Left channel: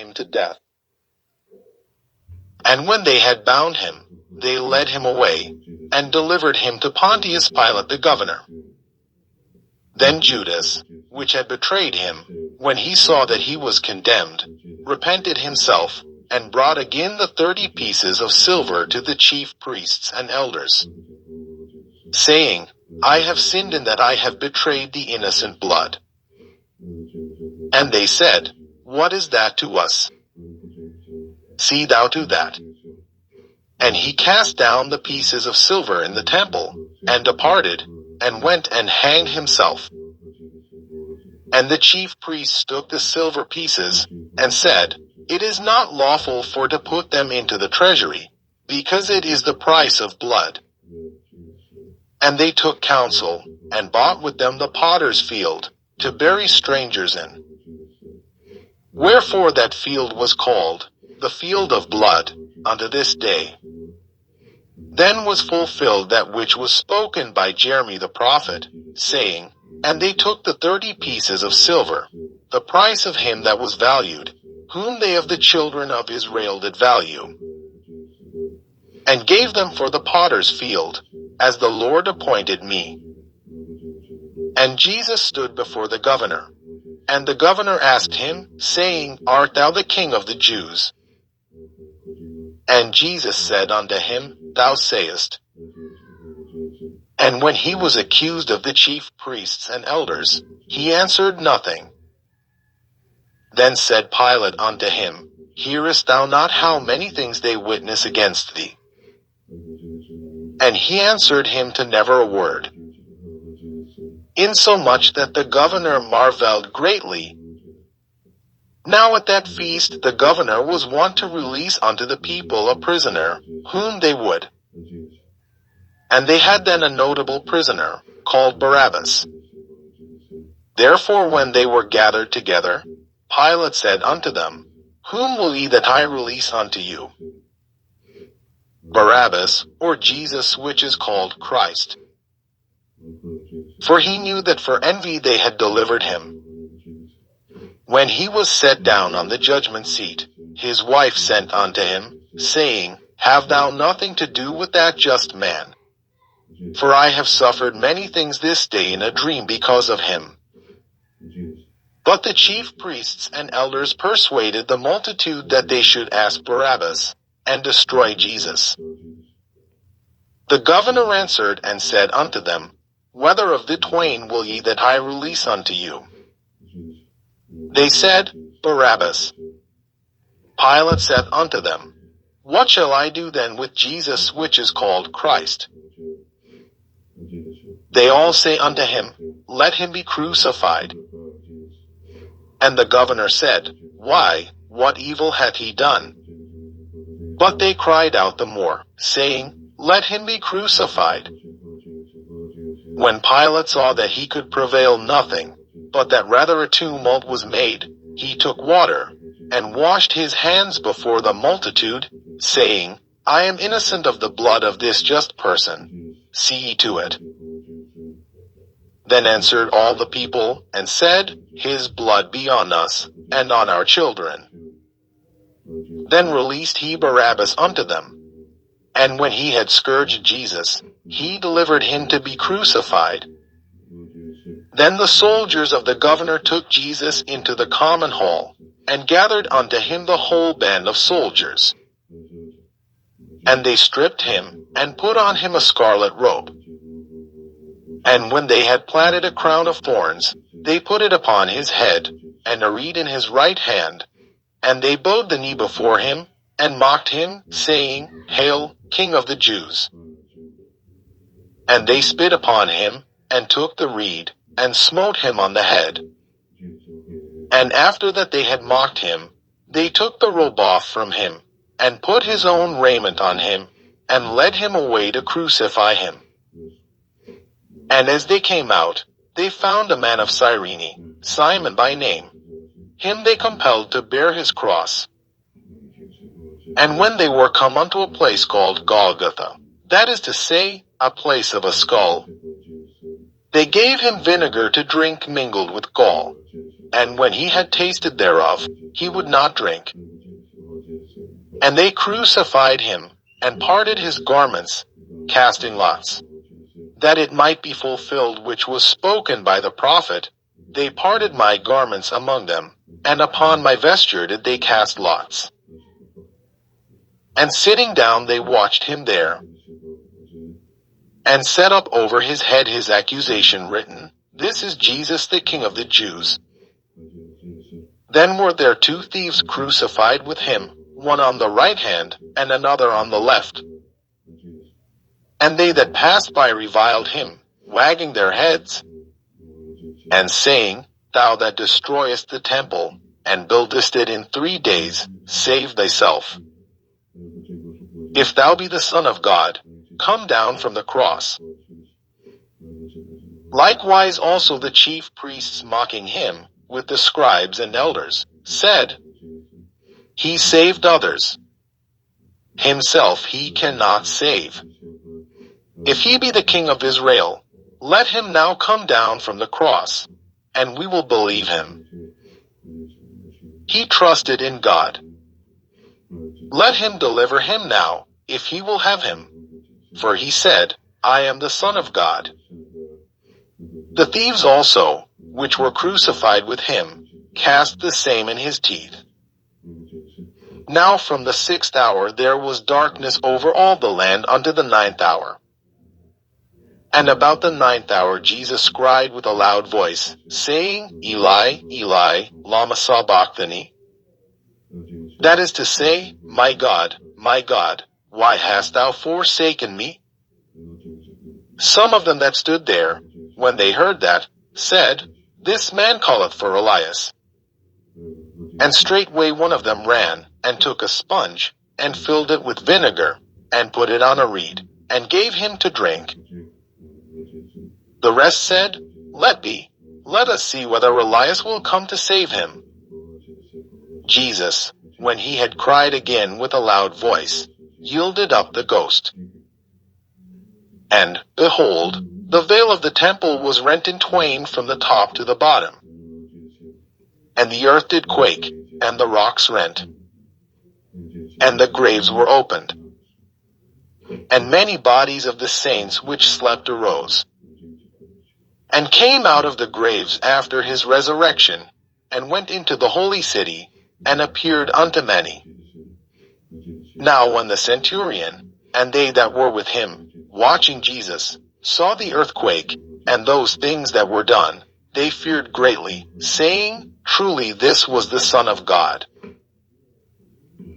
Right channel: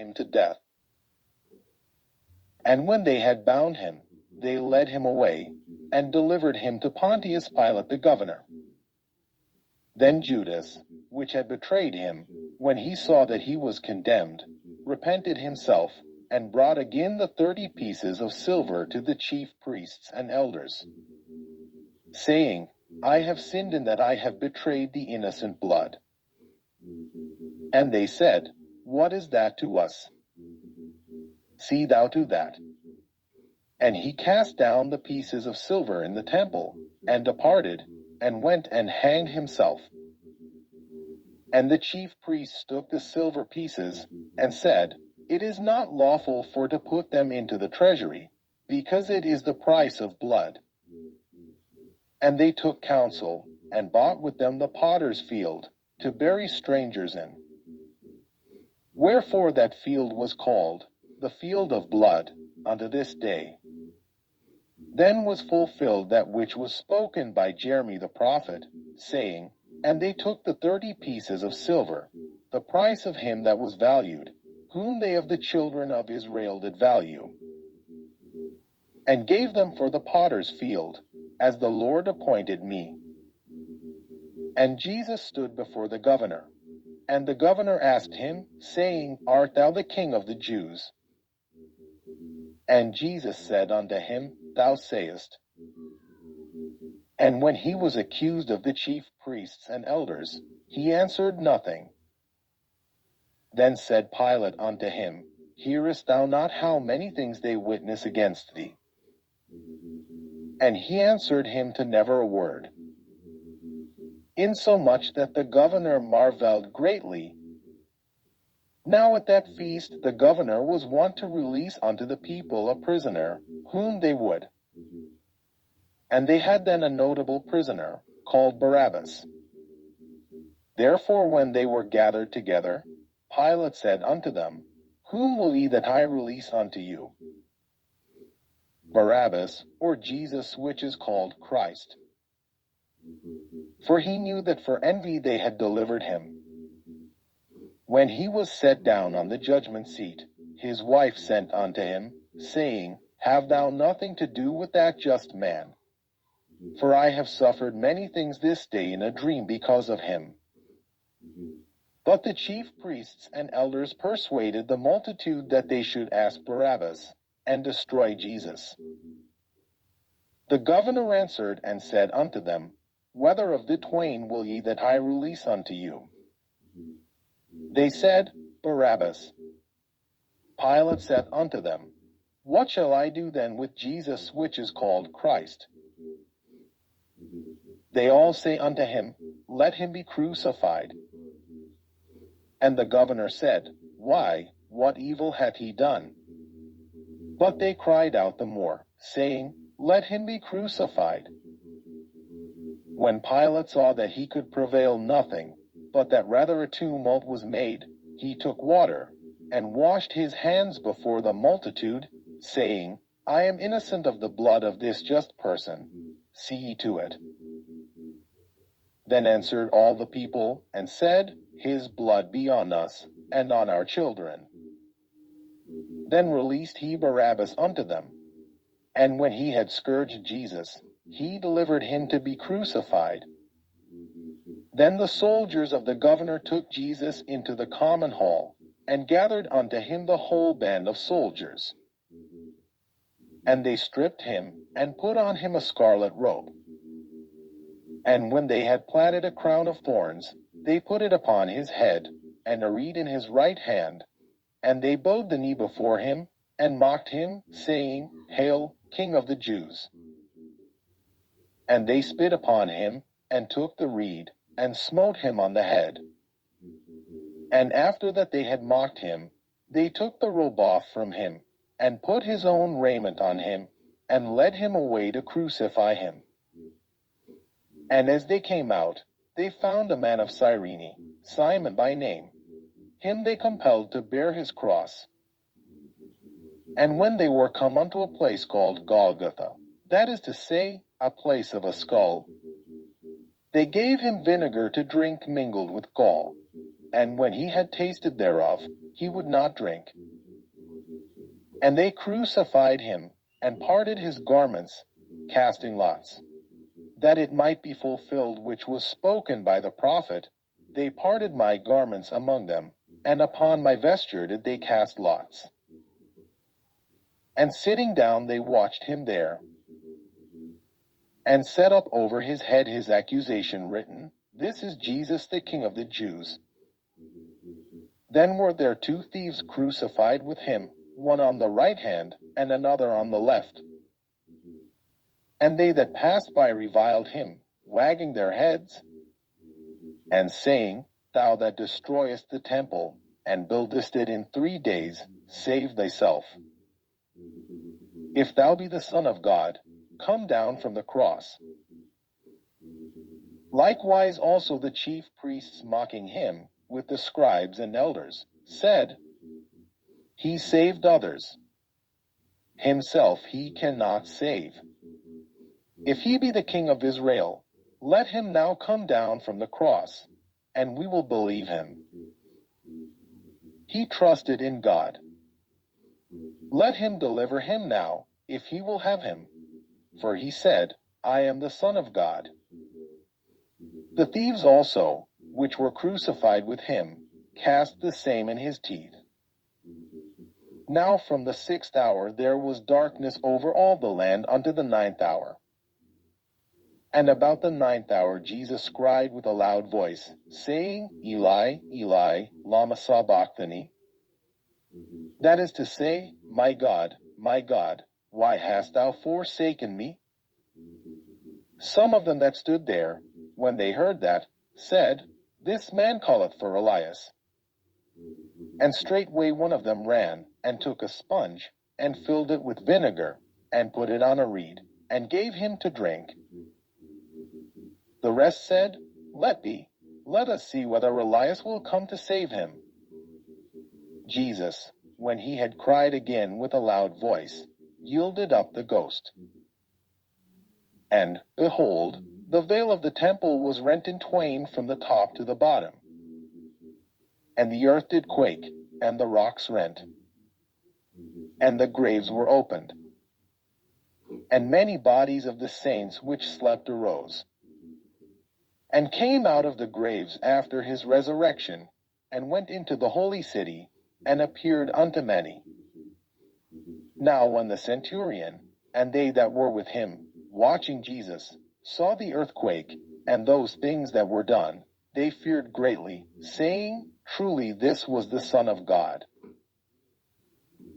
him to death. And when they had bound him, they led him away, and delivered him to Pontius Pilate the governor. Then Judas, which had betrayed him, when he saw that he was condemned, repented himself, and brought again the 30 pieces of silver to the chief priests and elders, saying, I have sinned in that I have betrayed the innocent blood. And they said, What is that to us? See thou to that. And he cast down the pieces of silver in the temple, and departed, and went and hanged himself. And the chief priests took the silver pieces, and said, It is not lawful for to put them into the treasury, because it is the price of blood. And they took counsel, and bought with them the potter's field, to bury strangers in. Wherefore that field was called, the field of blood, unto this day. Then was fulfilled that which was spoken by Jeremy the prophet, saying, And they took the 30 pieces of silver, the price of him that was valued, whom they of the children of Israel did value, and gave them for the potter's field, as the Lord appointed me. And Jesus stood before the governor. And the governor asked him, saying, Art thou the king of the Jews? And Jesus said unto him, Thou sayest. And when he was accused of the chief priests and elders, he answered nothing. Then said Pilate unto him, Hearest thou not how many things they witness against thee? And he answered him to never a word. Insomuch that the governor marveled greatly. Now at that feast the governor was wont to release unto the people a prisoner, whom they would. And they had then a notable prisoner, called Barabbas. Therefore when they were gathered together, Pilate said unto them, Whom will ye that I release unto you? Barabbas, or Jesus which is called Christ? For he knew that for envy they had delivered him. When he was set down on the judgment seat, his wife sent unto him, saying, Have thou nothing to do with that just man? For I have suffered many things this day in a dream because of him. But the chief priests and elders persuaded the multitude that they should ask Barabbas, and destroy Jesus. The governor answered and said unto them, Whether of the twain will ye that I release unto you? They said, Barabbas. Pilate said unto them, What shall I do then with Jesus which is called Christ? They all say unto him, Let him be crucified. And the governor said, Why, what evil hath he done? But they cried out the more, saying, Let him be crucified. When Pilate saw that he could prevail nothing, but that rather a tumult was made, he took water, and washed his hands before the multitude, saying, I am innocent of the blood of this just person. See ye to it. Then answered all the people, and said, His blood be on us, and on our children. Then released he Barabbas unto them. And when he had scourged Jesus, he delivered him to be crucified. Then the soldiers of the governor took Jesus into the common hall, and gathered unto him the whole band of soldiers. And they stripped him, and put on him a scarlet robe. And when they had platted a crown of thorns, they put it upon his head, and a reed in his right hand. And they bowed the knee before him, and mocked him, saying, Hail, King of the Jews! And they spit upon him, and took the reed, and smote him on the head. And after that they had mocked him, they took the robe off from him, and put his own raiment on him, and led him away to crucify him. And as they came out, they found a man of Cyrene, Simon by name. Him they compelled to bear his cross. And when they were come unto a place called Golgotha, that is to say, a place of a skull, they gave him vinegar to drink mingled with gall. and when he had tasted thereof, he would not drink. And they crucified him, and parted his garments, casting lots, that it might be fulfilled which was spoken by the prophet, They parted my garments among them, and upon my vesture did they cast lots. And sitting down they watched him there, and set up over his head his accusation written, This is Jesus the King of the Jews. Then were there two thieves crucified with him, one on the right hand, and another on the left. And they that passed by reviled him, wagging their heads, and saying, Thou that destroyest the temple, and buildest it in 3 days, save thyself. If thou be the Son of God, come down from the cross. Likewise also the chief priests mocking him, with the scribes and elders, said, He saved others. Himself he cannot save. If he be the King of Israel, let him now come down from the cross, and we will believe him. He trusted in God. Let him deliver him now, if he will have him. For he said, I am the Son of God. The thieves also, which were crucified with him, cast the same in his teeth. Now from the 6th hour there was darkness over all the land unto the 9th hour. And about the 9th hour Jesus cried with a loud voice, saying, Eli, Eli, lama sabachthani? That is to say, my God, why hast thou forsaken me? Some of them that stood there, when they heard that, said, This man calleth for Elias. And straightway one of them ran, and took a sponge, and filled it with vinegar, and put it on a reed, and gave him to drink. The rest said, Let be, let us see whether Elias will come to save him. Jesus, when he had cried again with a loud voice, yielded up the ghost. And, behold, the veil of the temple was rent in twain from the top to the bottom. And the earth did quake, and the rocks rent, and the graves were opened. And many bodies of the saints which slept arose, and came out of the graves after his resurrection, and went into the holy city, and appeared unto many. Now when the centurion, and they that were with him, watching Jesus, saw the earthquake, and those things that were done, they feared greatly, saying, Truly this was the Son of God.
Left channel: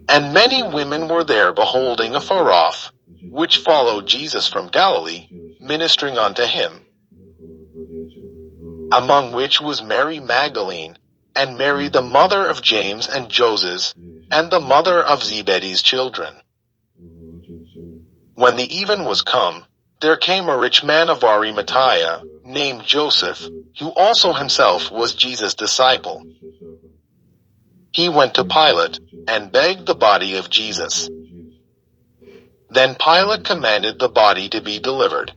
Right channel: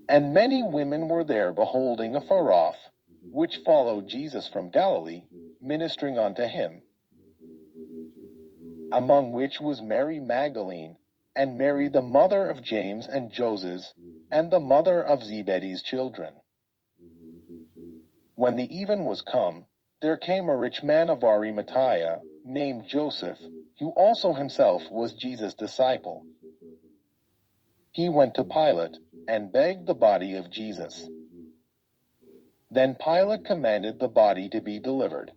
And many women were there beholding afar off, which followed Jesus from Galilee, ministering unto him. Among which was Mary Magdalene, and Mary the mother of James and Joses, and the mother of Zebedee's children. When the even was come, there came a rich man of Arimathea, named Joseph, who also himself was Jesus' disciple. He went to Pilate, and begged the body of Jesus. Then Pilate commanded the body to be delivered.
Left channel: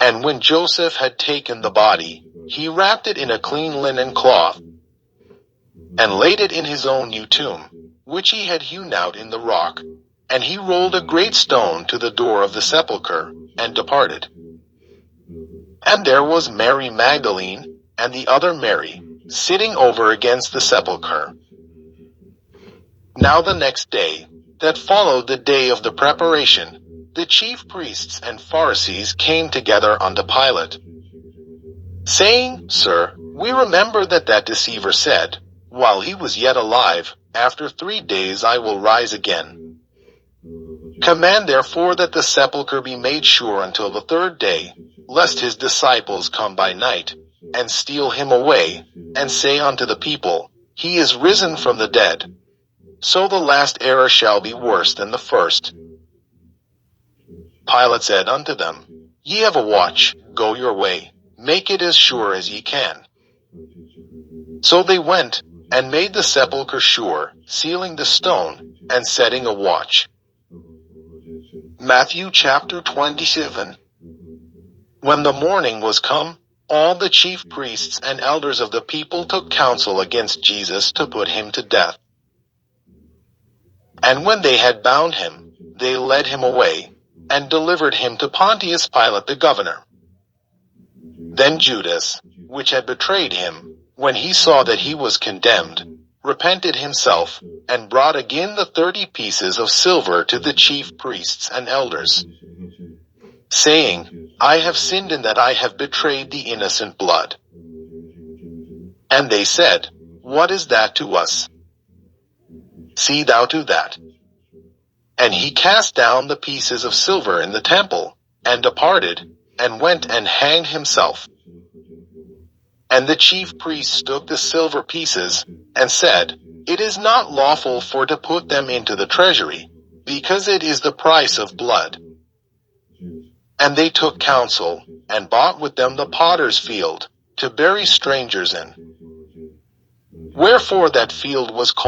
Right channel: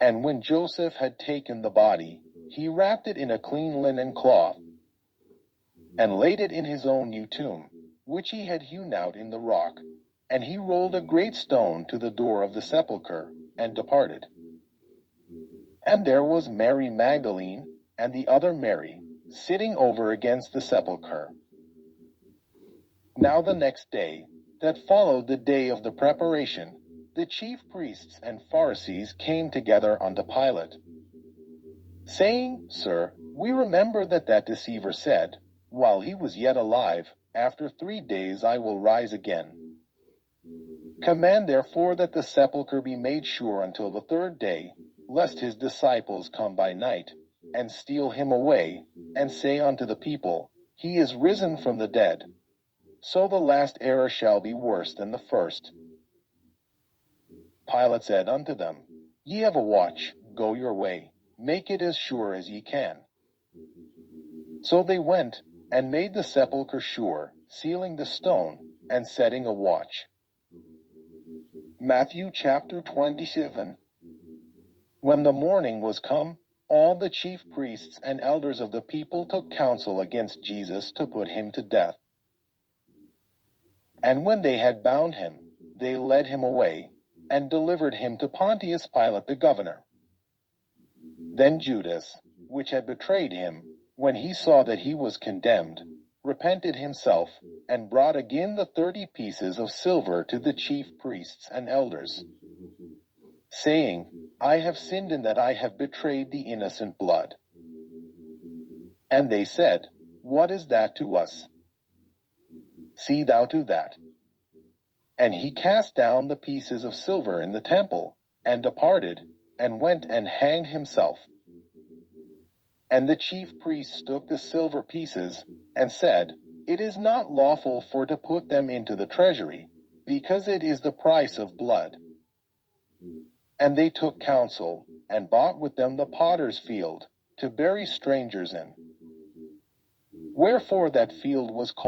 And when Joseph had taken the body, he wrapped it in a clean linen cloth, and laid it in his own new tomb, which he had hewn out in the rock. And he rolled a great stone to the door of the sepulchre, and departed. And there was Mary Magdalene, and the other Mary, sitting over against the sepulchre. Now the next day, that followed the day of the preparation, the chief priests and Pharisees came together unto Pilate, saying, Sir, we remember that deceiver said, while he was yet alive, After 3 days I will rise again. Command therefore that the sepulchre be made sure until the 3rd day, lest his disciples come by night, and steal him away, and say unto the people, He is risen from the dead. So the last error shall be worse than the first. Pilate said unto them, Ye have a watch, go your way, make it as sure as ye can. So they went, and made the sepulchre sure, sealing the stone, and setting a watch. Matthew chapter 27. When the morning was come, all the chief priests and elders of the people took counsel against Jesus to put him to death. And when they had bound him, they led him away, and delivered him to Pontius Pilate the governor. Then Judas, which had betrayed him, when he saw that he was condemned, repented himself, and brought again the 30 pieces of silver to the chief priests and elders, saying, I have sinned in that I have betrayed the innocent blood. And they said, What is that to us? See thou to that. And he cast down the pieces of silver in the temple, and departed, and went and hanged himself. And the chief priests took the silver pieces, and said, It is not lawful for to put them into the treasury, because it is the price of blood. And they took counsel, and bought with them the potter's field, to bury strangers in. Wherefore that field was called